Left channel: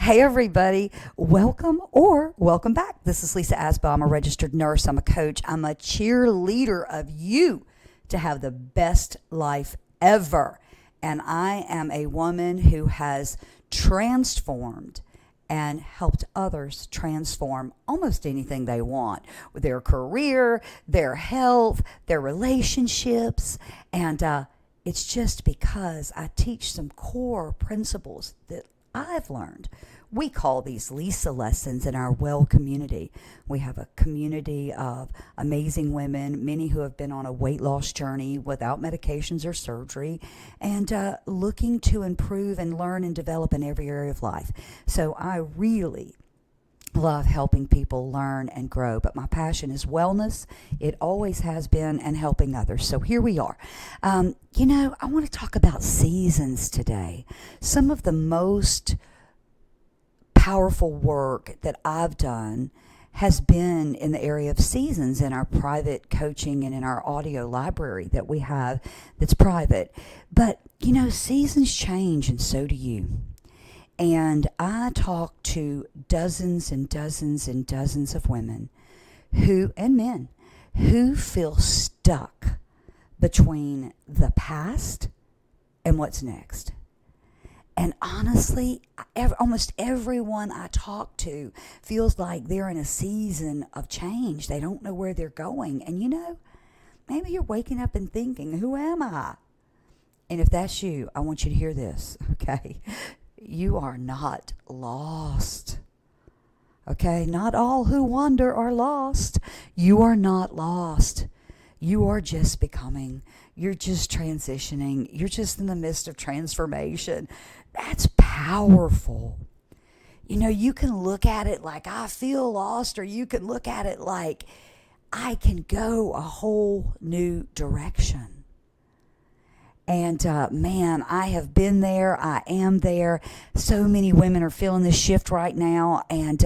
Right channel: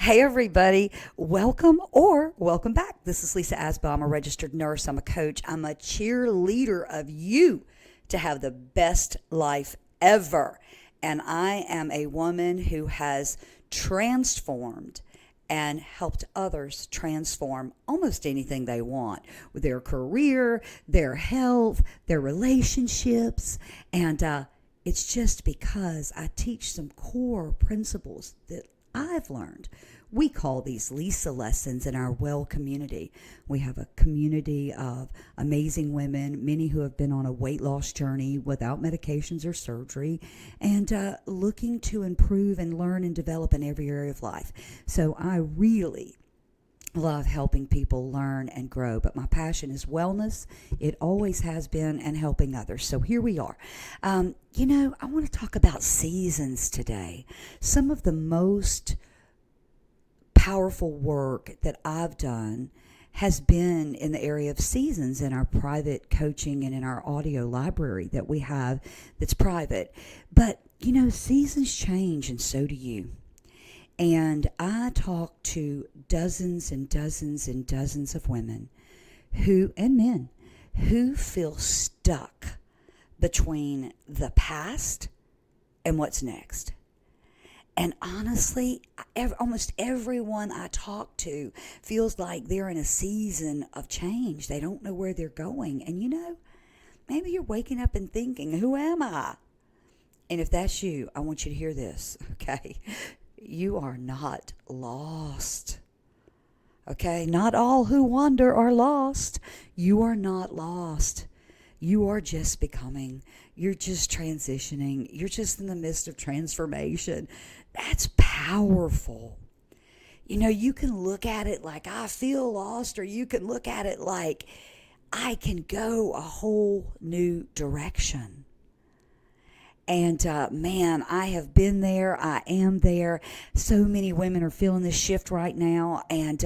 Hey, everybody. Welcome back. This is Lisa Asbaugh. I'm a registered nurse. I'm a coach. I'm a cheerleader of you to have the best life ever. And I am a woman who has transformed and helped others transform almost anything they want with their career, their health, their relationships. And it's just because I teach some core principles that I've learned. We call these Lisa lessons in our well community. We have a community of amazing women, many who have been on a weight loss journey without medications or surgery, and looking to improve and learn and develop in every area of life. So I really love helping people learn and grow, but my passion is wellness. It always has been, and helping others. So here we are. I want to talk about seasons today. Some of the most powerful work that I've done has been in the area of seasons in our private coaching and in our audio library that we have that's private. But, seasons change, and so do you. And I talk to dozens and dozens and dozens of women and men who feel stuck between the past and what's next. And honestly, almost everyone I talk to feels like they're in a season of change. They don't know where they're going. And maybe you're waking up and thinking, who am I? And if that's you, I want you to hear this, okay? You are not lost. Okay? Not all who wander are lost. You are not lost. You are just becoming. You're just transitioning. You're just in the midst of transformation. That's powerful. You can look at it like I feel lost, or you can look at it like I can go a whole new direction. And man, I have been there. I am there. So many women are feeling this shift right now. And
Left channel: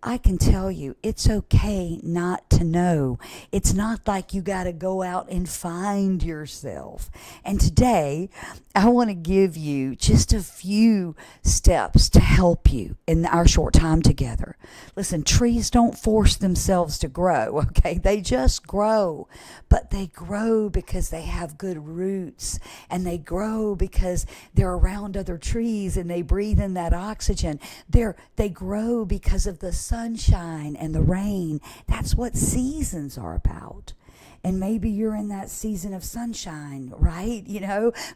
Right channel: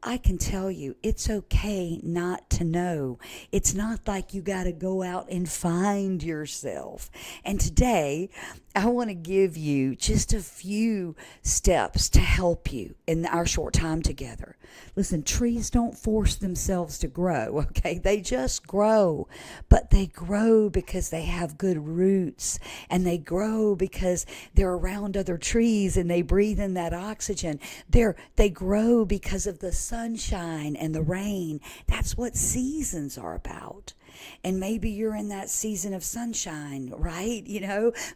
I can tell you, it's okay not to know. It's not like you got to go out and find yourself. And today, I want to give you just a few steps to help you in our short time together. Listen, trees don't force themselves to grow, okay? They just grow. But they grow because they have good roots. And they grow because they're around other trees and they breathe in that oxygen. They grow because of the sunshine and the rain. That's what seasons are about. And maybe you're in that season of sunshine, right?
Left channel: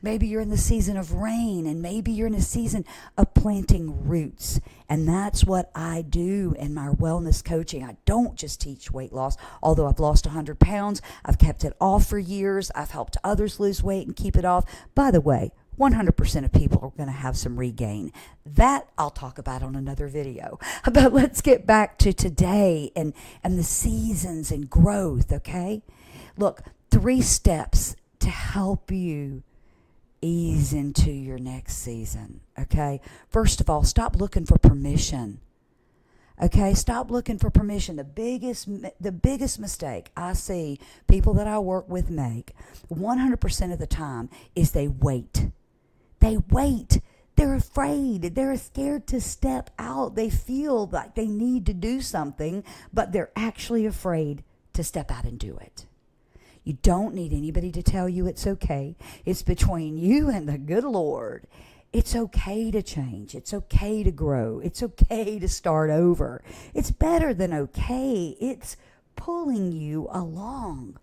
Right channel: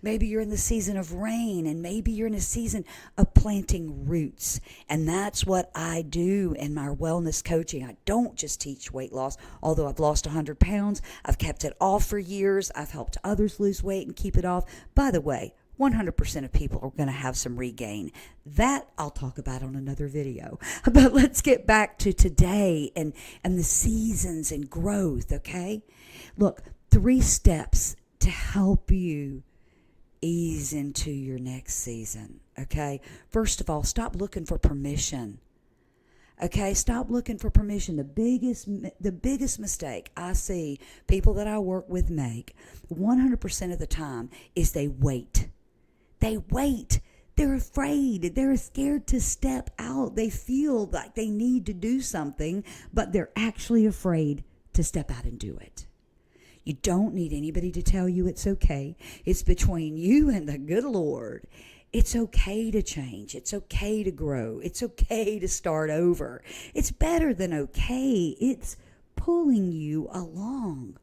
Maybe you're in the season of rain, and maybe you're in a season of planting roots. And that's what I do in my wellness coaching. I don't just teach weight loss, although I've lost 100 pounds. I've kept it off for years. I've helped others lose weight and keep it off. By the way, 100% of people are going to have some regain. That I'll talk about on another video. But let's get back to today and the seasons and growth, okay? Look, 3 steps to help you ease into your next season, okay? First of all, stop looking for permission. Okay, stop looking for permission. The biggest mistake I see people that I work with make 100% of the time is they wait. They wait. They're afraid. They're scared to step out. They feel like they need to do something, but they're actually afraid to step out and do it. You don't need anybody to tell you it's okay. It's between you and the good Lord. It's okay to change. It's okay to grow. It's okay to start over. It's better than okay. It's pulling you along.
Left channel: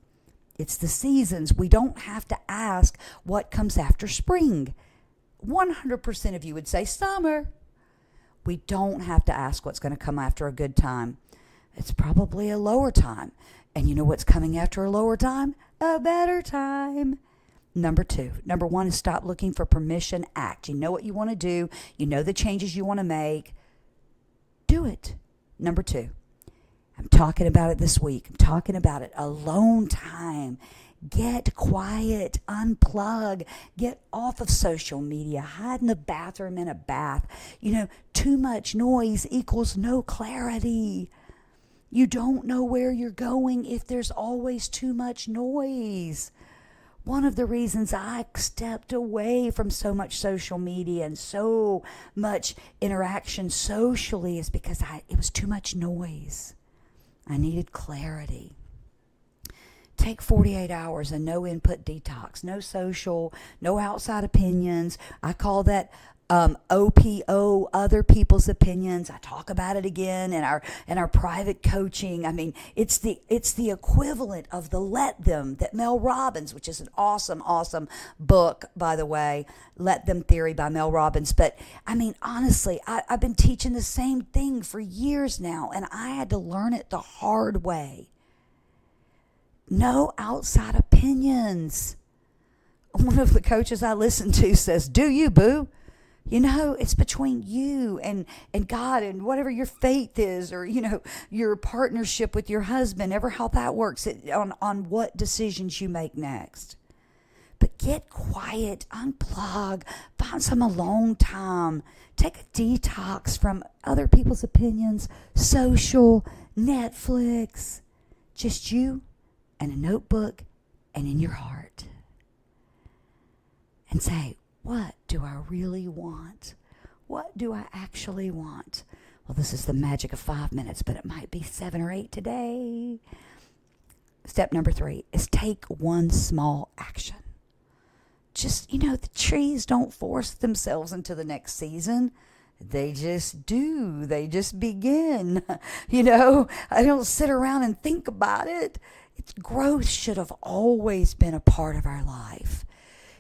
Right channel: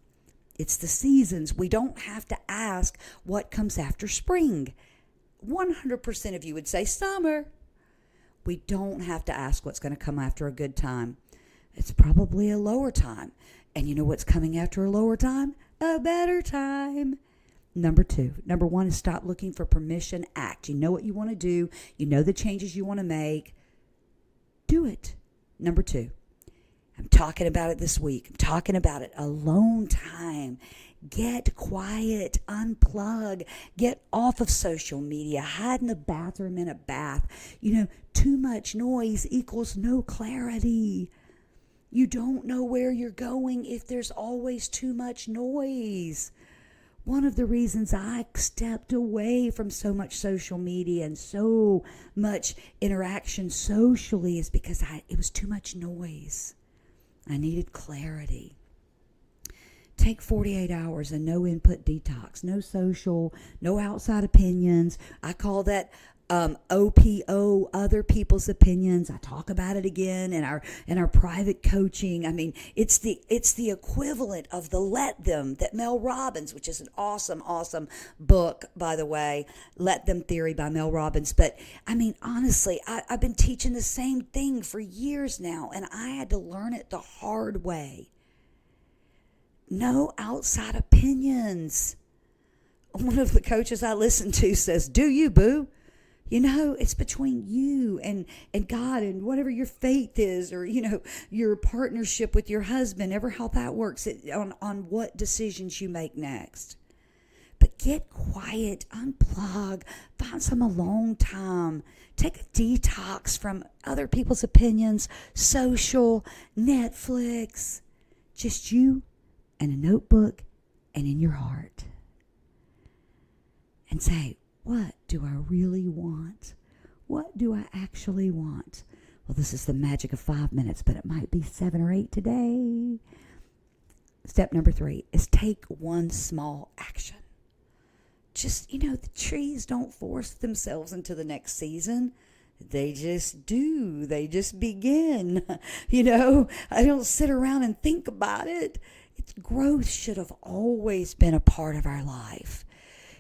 It's the seasons. We don't have to ask what comes after spring. 100% of you would say summer. We don't have to ask what's going to come after a good time. It's probably a lower time. And you know what's coming after a lower time? A better time. Number 1 is stop looking for permission. Act. You know what you want to do. You know the changes you want to make. Do it. Number 2, I'm talking about it this week. I'm talking about it. Alone time. Get quiet, unplug, get off of social media, hide in the bathroom in a bath. Too much noise equals no clarity. You don't know where you're going if there's always too much noise. one of the reasons I stepped away from so much social media and so much interaction socially is because it was too much noise. I needed clarity. Take 48 hours and no input detox, no social, no outside opinions. I call that OPO, other people's opinions. I talk about it again in our private coaching. I mean, it's the equivalent of the Let Them that Mel Robbins, which is an awesome book, by the way, Let Them Theory by Mel Robbins. But I mean, honestly, I've been teaching the same thing for years now, and I had to learn it the hard way. No outside opinions. One of the coaches I listen to says, "Do you, boo?" You know, it's between you and God and whatever your faith is, or, you know, your partnership with your husband, ever how that works, on what decisions you make next. But get quiet, unplug, find some alone time, take a detox from other people's opinions, social, Netflix, just you and a notebook and in your heart. And say, what do I really want? What do I actually want? Well, this is the magic of 5 minutes, but it might be 7 or 8 today. Step number 3 is take one small action. Just, the trees don't force themselves into the next season. They just do. They just begin. I don't sit around and think about it. Growth should have always been a part of our life.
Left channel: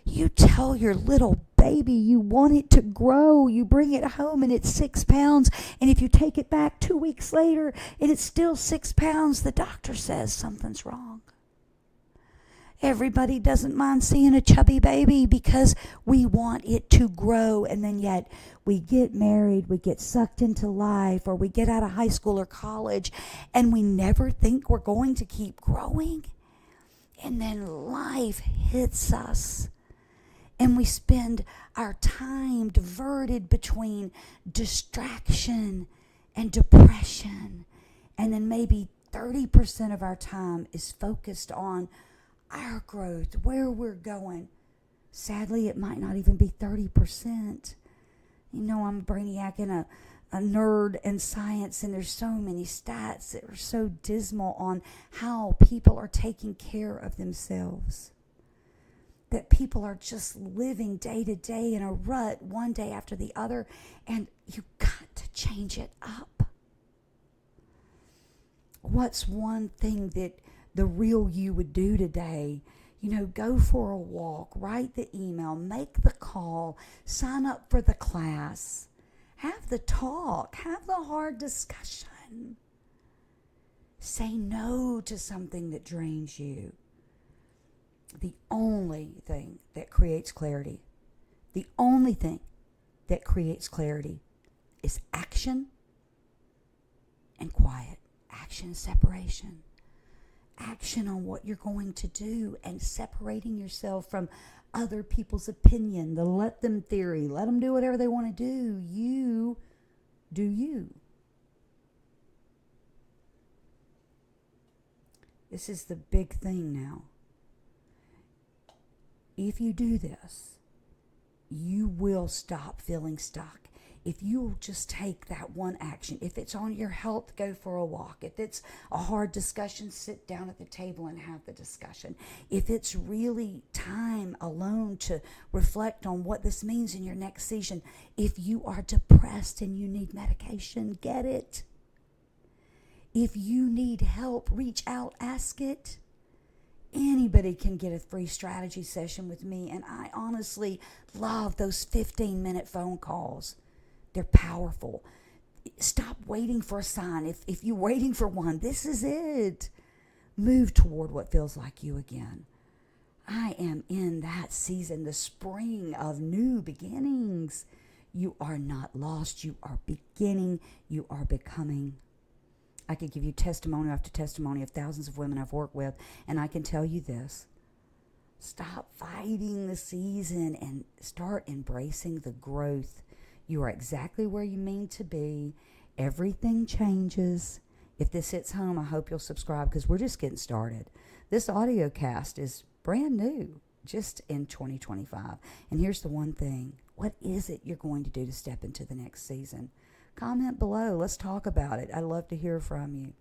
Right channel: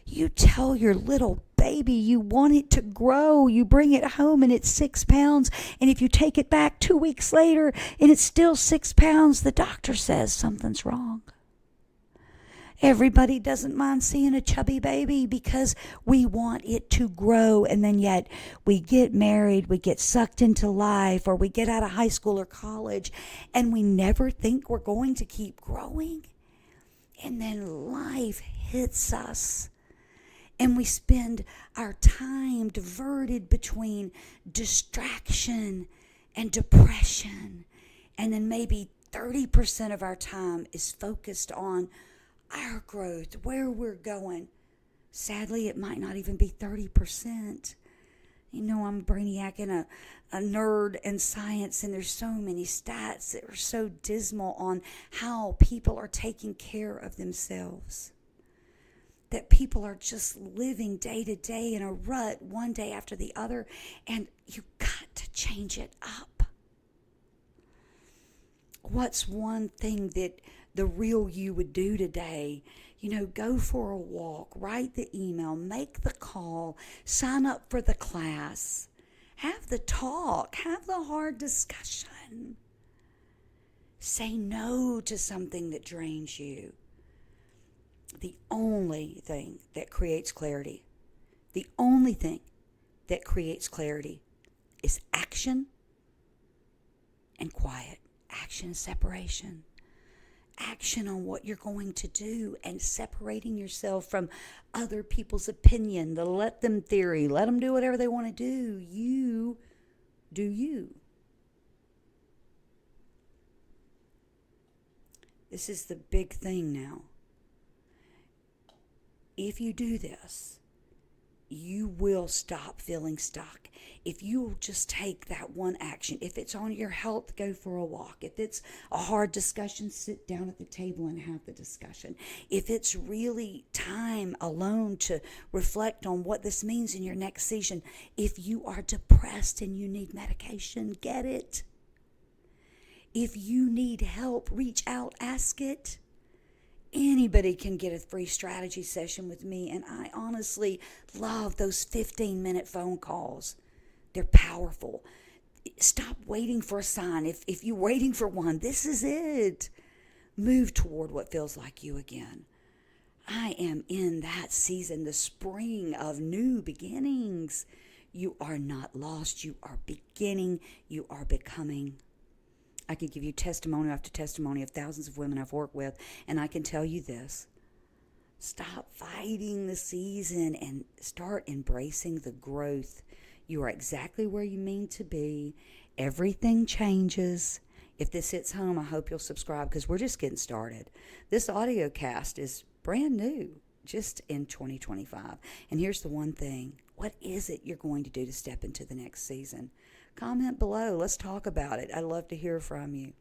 You tell your little baby you want it to grow. You bring it home and it's 6 pounds. And if you take it back 2 weeks later and it's still 6 pounds, the doctor says something's wrong. Everybody doesn't mind seeing a chubby baby because we want it to grow. And then yet we get married, we get sucked into life, or we get out of high school or college, and we never think we're going to keep growing. And then life hits us. And we spend our time diverted between distraction and depression. And then maybe 30% of our time is focused on our growth, where we're going. Sadly, it might not even be 30%. I'm a brainiac and a nerd in science, and there's so many stats that are so dismal on how people are taking care of themselves. That people are just living day to day in a rut, one day after the other, and you got to change it up. What's one thing that the real you would do today? Go for a walk, write the email, make the call, sign up for the class, have the talk, have the hard discussion. Say no to something that drains you. The only thing that creates clarity, is action and quiet. Action, separation. Action on what you're going to do and separating yourself from other people's opinion, the let them theory. Let them do whatever they want to do. You do you. This is the big thing now. If you do this, you will stop feeling stuck. If you will just take that one action, if it's on your health, go for a walk. If it's a hard discussion, sit down at the table and have the discussion. If it's really time alone to reflect on what this means in your next season, if you are depressed and you need medication, get it. If you need help, reach out, ask it. Anybody can get a free strategy session with me, and I honestly love those 15-minute phone calls. They're powerful. Stop waiting for a sign. If you're waiting for one, this is it. Move toward what feels like you again. I am in that season, the spring of new beginnings. You are not lost. You are beginning. You are becoming. I could give you testimony after testimony of thousands of women I've worked with, and I can tell you this. Stop fighting the season and start embracing the growth. You are exactly where you mean to be. Everything changes. If this hits home, I hope you'll subscribe because we're just getting started. This audio cast is brand new. just in 2025. And here's the one thing. What is it you're going to do to step into the next season? Comment below. Let's talk about it. I'd love to hear from you.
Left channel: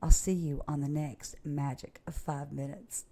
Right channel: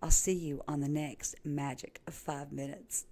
I'll see you on the next Magic of 5 Minutes.